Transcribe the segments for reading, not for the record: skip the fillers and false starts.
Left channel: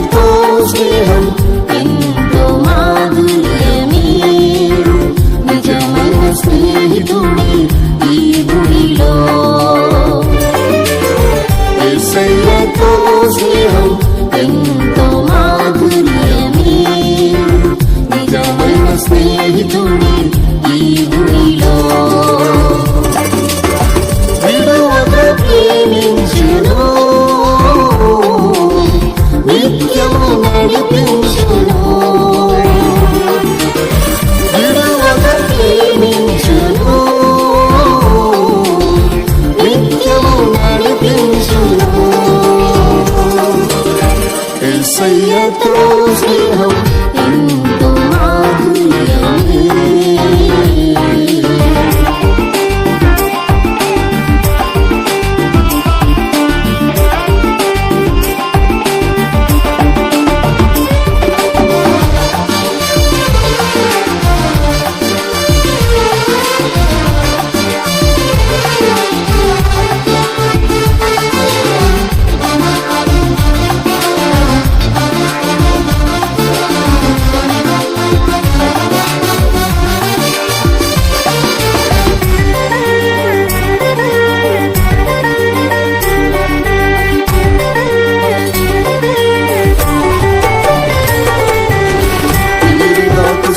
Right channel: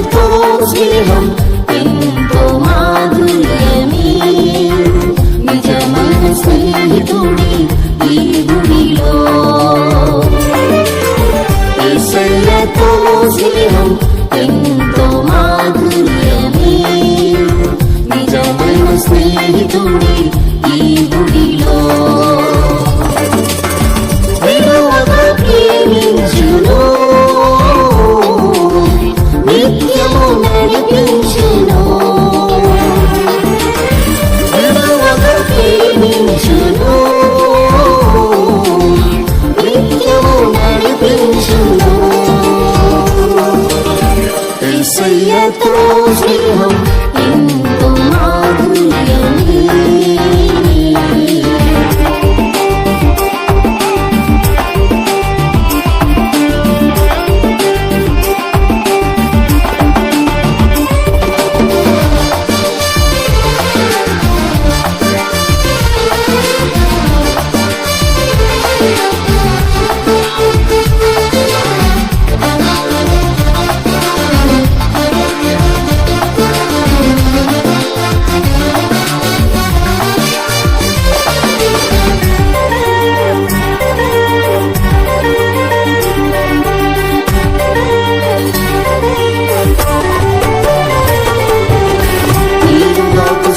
యేసయ్యతో స్నేహం ఎంతో మాధుర్యమే, నిజమైన స్నేహితుడే ఈ భూమిలో. యేసయ్యతో స్నేహం ఎంతో మాధుర్యమే, నిజమైన స్నేహితుడే ఈ భూమిలో. విడువక ప్రేమించును, నిత్యము నడిపించును. విడువక ప్రేమించును, నిత్యము నడిపించును. యేసయ్యతో స్నేహం ఎంతో మాధుర్యమే.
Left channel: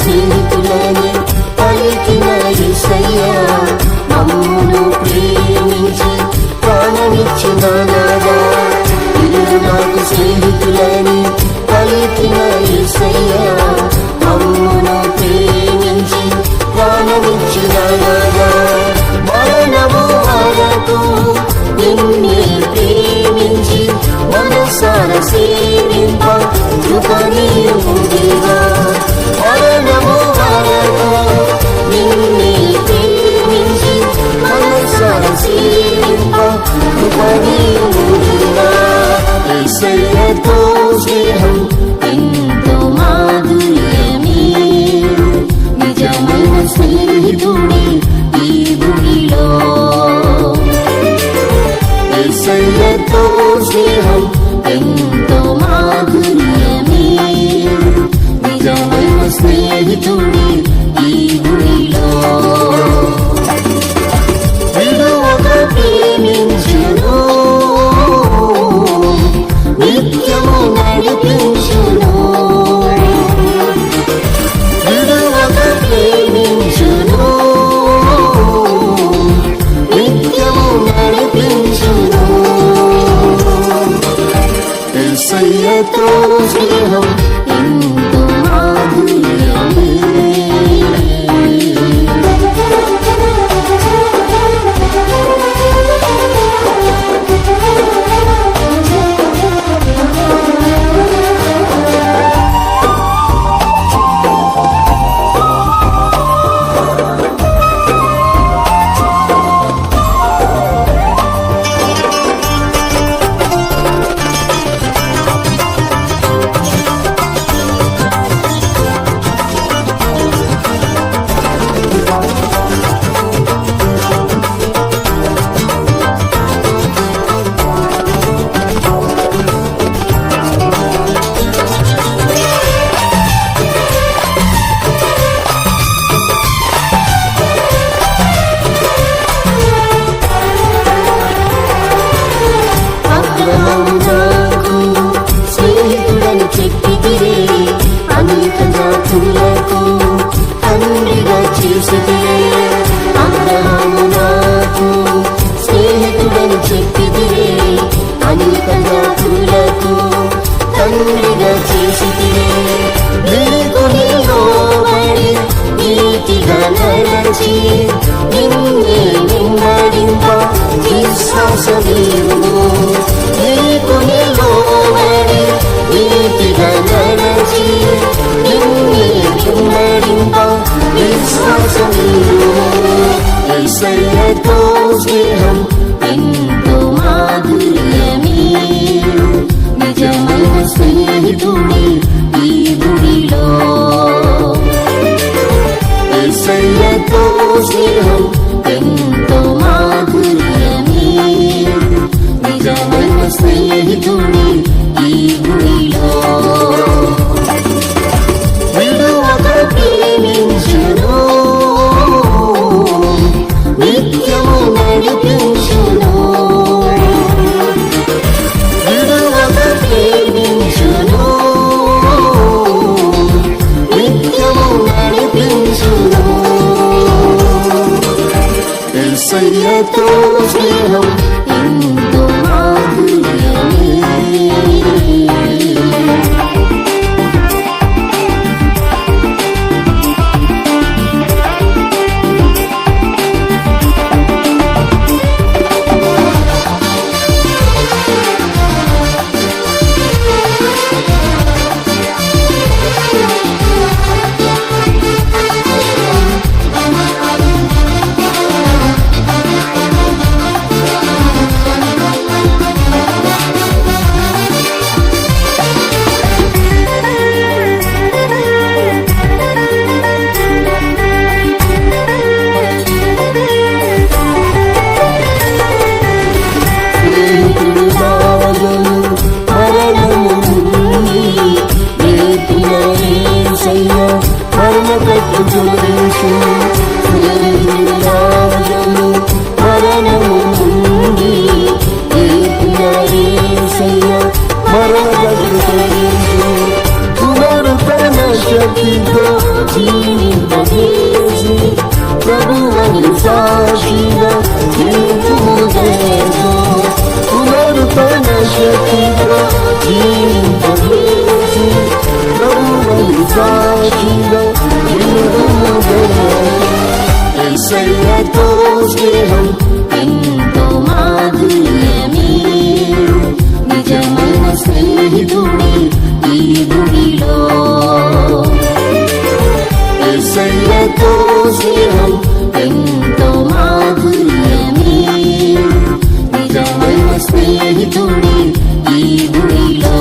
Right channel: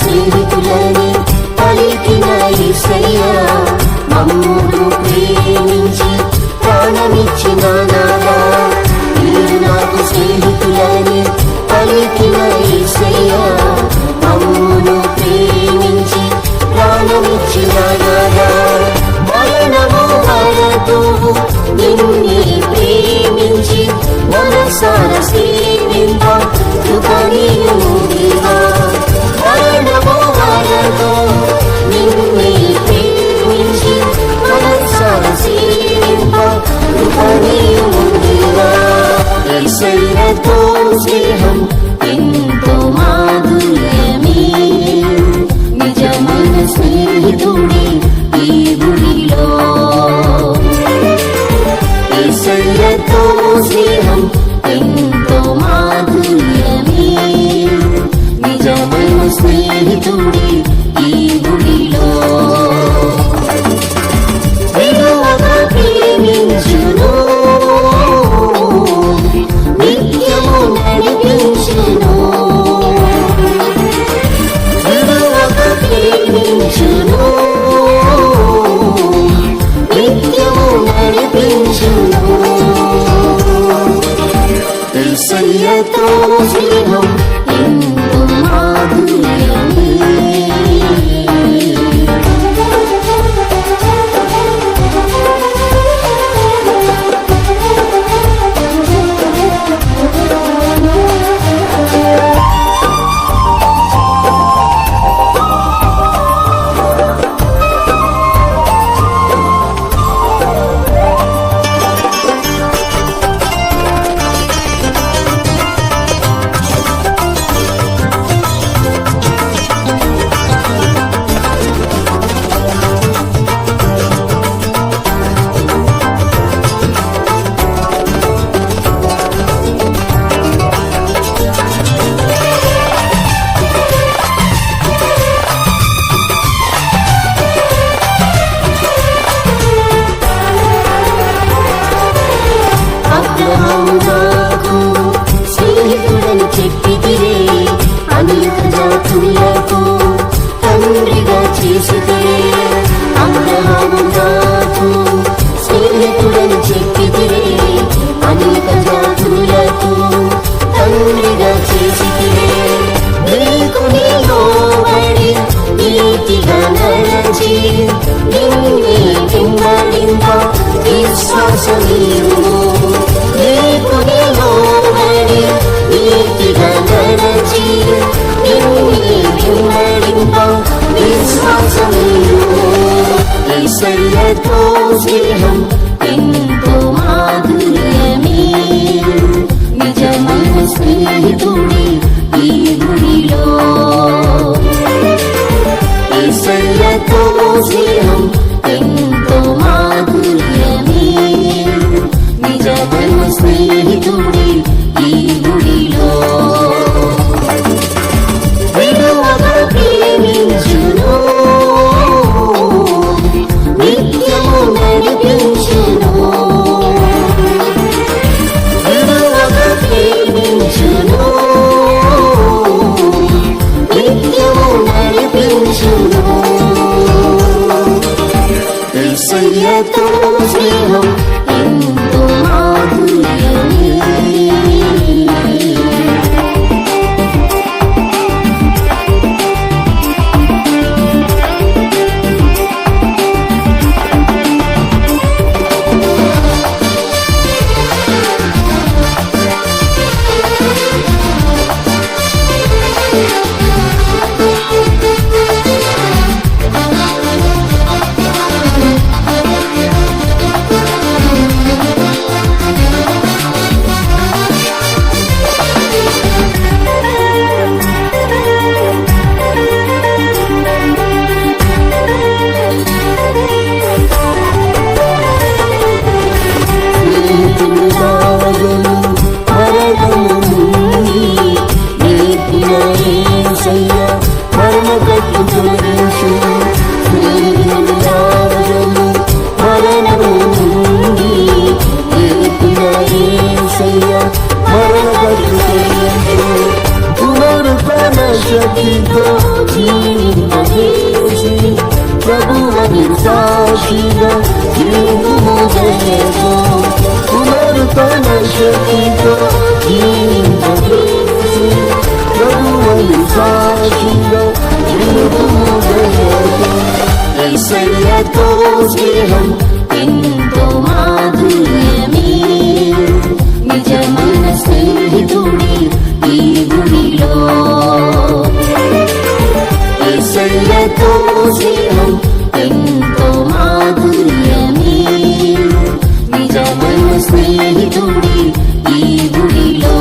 స్నేహితులని పలికిన యేసయ్యా, మమ్మును ప్రేమించి ప్రాణమిచ్చిన నాదా. మీరు నాకు స్నేహితులని పలికిన యేసయ్యా, మమ్మును ప్రేమించి ప్రాణమిచ్చిన నాదా. మరణము వరకు నిన్నే ప్రేమించి మనసార సేవింప కృపణీయము దేవా. మరణము వరకు నిన్నే ప్రేమించి మనసార సేవింప కృపణీయము దేవా. యేసయ్యతో స్నేహం ఎంతో మాధుర్యమే, నిజమైన స్నేహితుడే ఈ భూమిలో. యేసయ్యతో స్నేహం ఎంతో మాధుర్యమే, నిజమైన స్నేహితుడే ఈ భూమిలో. విడువక ప్రేమించును, నిత్యము నడిపించును. విడువక ప్రేమించును, నిత్యము నడిపించును. యేసయ్యతో స్నేహం ఎంతో మాధుర్యమే. అబ్రహాము నాకు స్నేహితుడని చెప్పితిరే, అనేక జాతులకు తండ్రిగా చేసితిరే. అబ్రహాము నాకు స్నేహితుడని చెప్పితిరే, అనేక జాతులకు తండ్రిగా చేసితిరే. నీకు నిలబడి నీతిగా నడచి నిన్నే వెంబడింప విశ్వాసమీయుము. నీకు నిలబడి నీతిగా నడచి నిన్నే వెంబడింప విశ్వాసమీయుము. యేసయ్యతో స్నేహం ఎంతో మాధుర్యమే, నిజమైన స్నేహితుడే ఈ భూమిలో. యేసయ్యతో స్నేహం ఎంతో మాధుర్యమే, నిజమైన స్నేహితుడే ఈ భూమిలో. యేసయ్యతో స్నేహం ఎంతో మాధుర్యమే. రావజను మరణము నుండి నేర్పిన యేసయ్య మరణ కట్లు తొలగించు. రావజను మరణము నుండి నేర్పిన యేసయ్య మరణ కట్లు తొలగించు. పునరుత్థాన శక్తితో జీవింపజేసి ప్రభువని సాక్షిగా నిలుపుము దయతో. పునరుత్థాన శక్తితో జీవింపజేసి ప్రభువని సాక్షిగా నిలుపుము దయతో. యేసయ్యతో స్నేహం ఎంతో మాధుర్యమే. నిజమైన స్నేహితుడే ఈ భూమిలో. యేసయ్యతో స్నేహం ఎంతో మాధుర్యమే. నిజమైన స్నేహితుడే ఈ భూమిలో.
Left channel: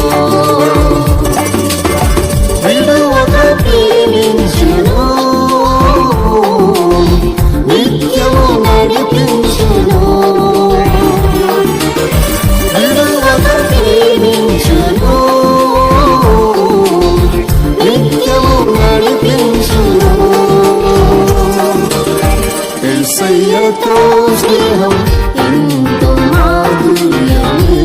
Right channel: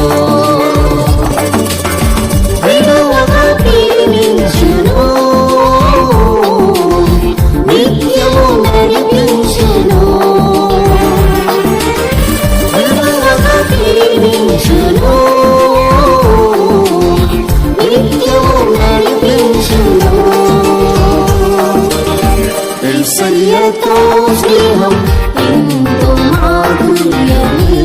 విడువక ప్రేమించును, నిత్యము నడిపించును. విడువక ప్రేమించును, నిత్యము నడిపించును. యేసయ్యతో స్నేహం ఎంతో మాధుర్యమే.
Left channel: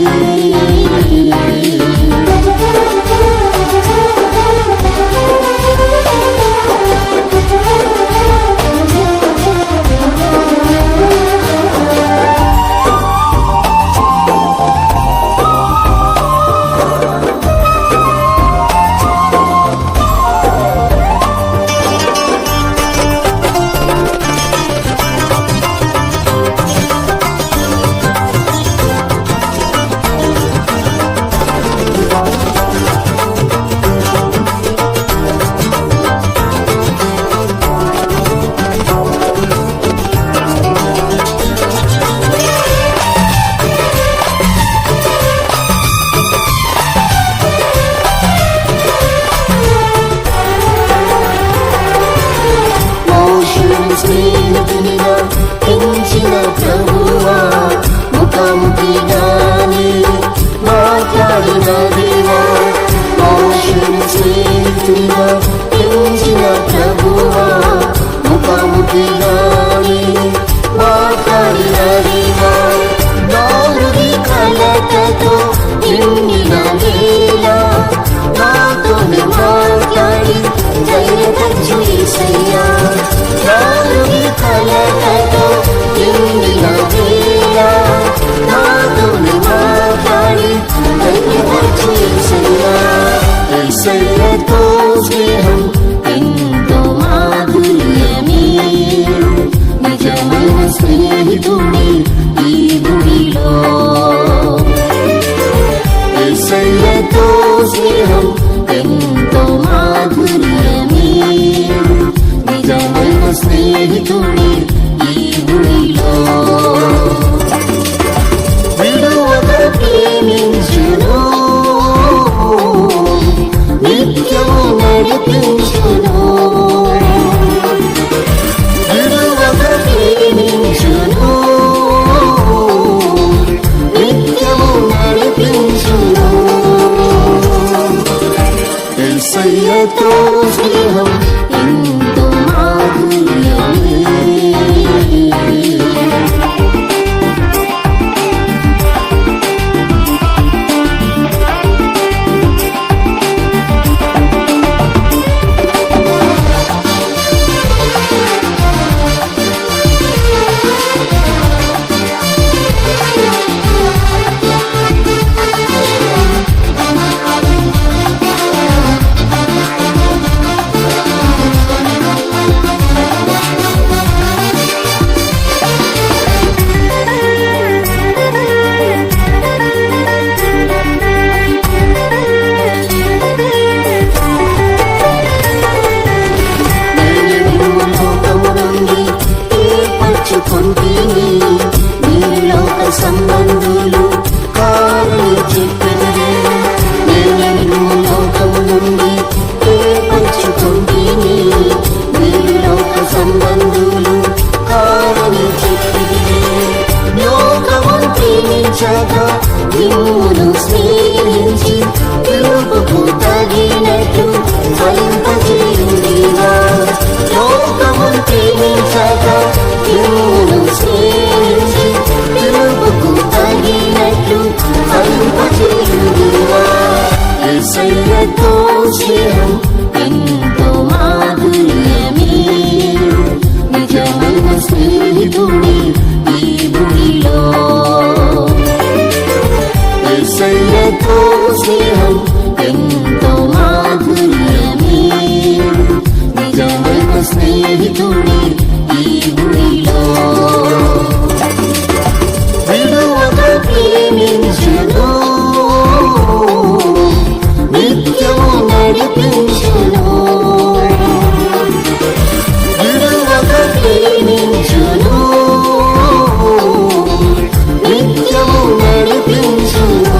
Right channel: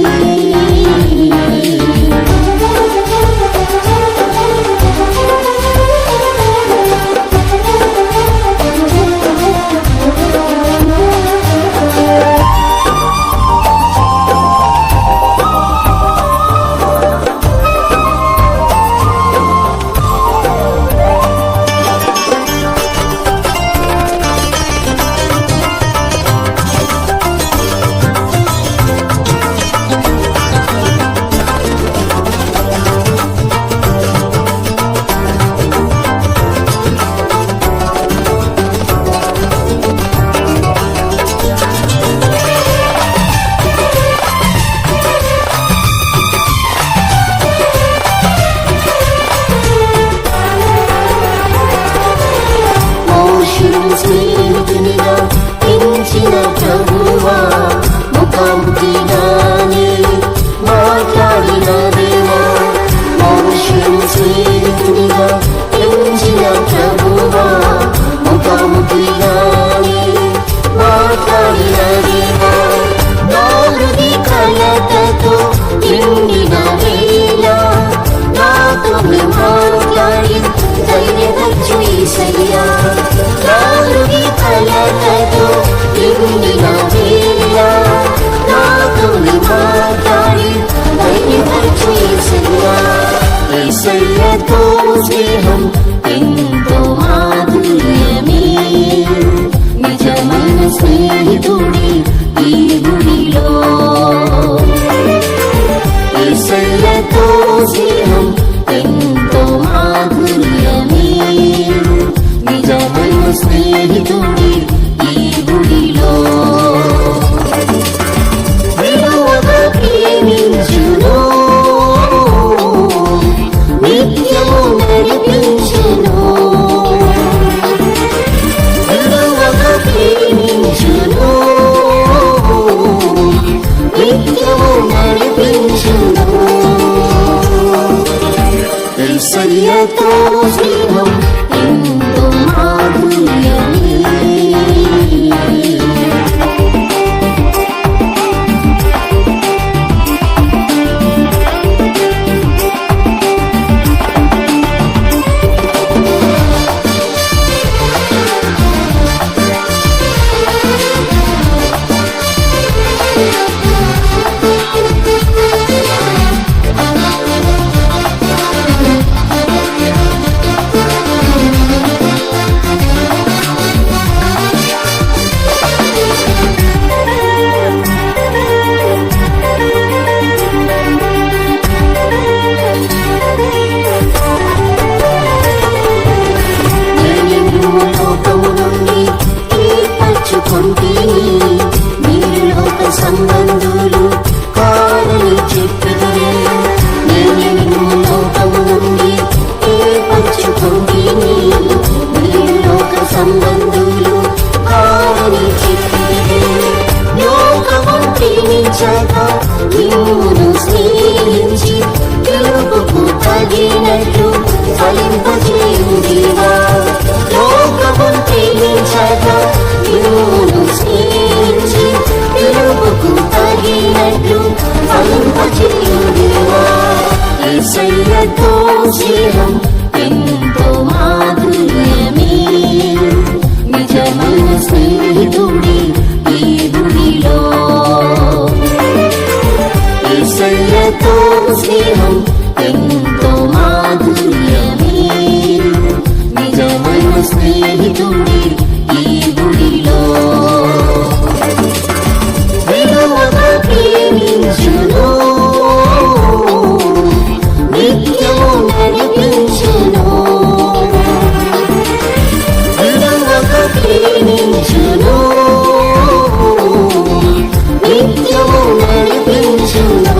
మోషేను స్నేహితునిగా పెంచిన ప్రభువా, ముఖాముఖిగానే మాట్లాడిన దేవా. మోషేను స్నేహితునిగా పెంచిన ప్రభువా, ముఖాముఖిగానే మాట్లాడిన దేవా. నా హృది కలతతో నిండిన వేళ నాతోనే మాట్లాడి ధైర్యపరచు యేసయ్యా. నా హృది కలతతో నిండిన వేళ నాతోనే మాట్లాడి ధైర్యపరచు యేసయ్యా. యేసయ్యతో స్నేహం ఎంతో మాధుర్యమే. నిజమైన స్నేహితుడే ఈ భూమిలో. యేసయ్యతో స్నేహం ఎంతో మాధుర్యమే. నిజమైన స్నేహితుడే ఈ భూమిలో. విడువక ప్రేమించును, నిత్యము నడిపించును. విడువక ప్రేమించును, నిత్యము నడిపించును. యేసయ్యతో స్నేహం ఎంతో మాధుర్యమే. లోకము నుండి ఏర్పరచుకొంటిని. మీరు లోక సంబంధులు కారని చెప్పెదరే. నేనే నిన్ను లోకము నుండి ఏర్పరచుకొంటిని. మీరు లోక సంబంధులు కారని చెప్పెదరే. లోకమును ప్రేమించక మిమ్మును స్నేహించి పిలుపుకు తగినట్లు ఫలింపచేయుడివా. లోకమును ప్రేమించక మిమ్మును స్నేహించి పిలుపుకు తగినట్లు ఫలింపచేయుడివా. యేసయ్యతో స్నేహం ఎంతో మాధుర్యమే. నిజమైన స్నేహితుడే ఈ భూమిలో. యేసయ్యతో స్నేహం ఎంతో మాధుర్యమే. నిజమైన స్నేహితుడే ఈ భూమిలో. విడువక ప్రేమించును, నిత్యము నడిపించును. విడువక ప్రేమించును, నిత్యము నడిపించును.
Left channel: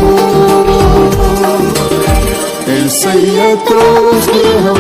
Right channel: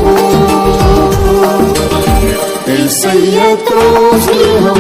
యేసయ్యతో స్నేహం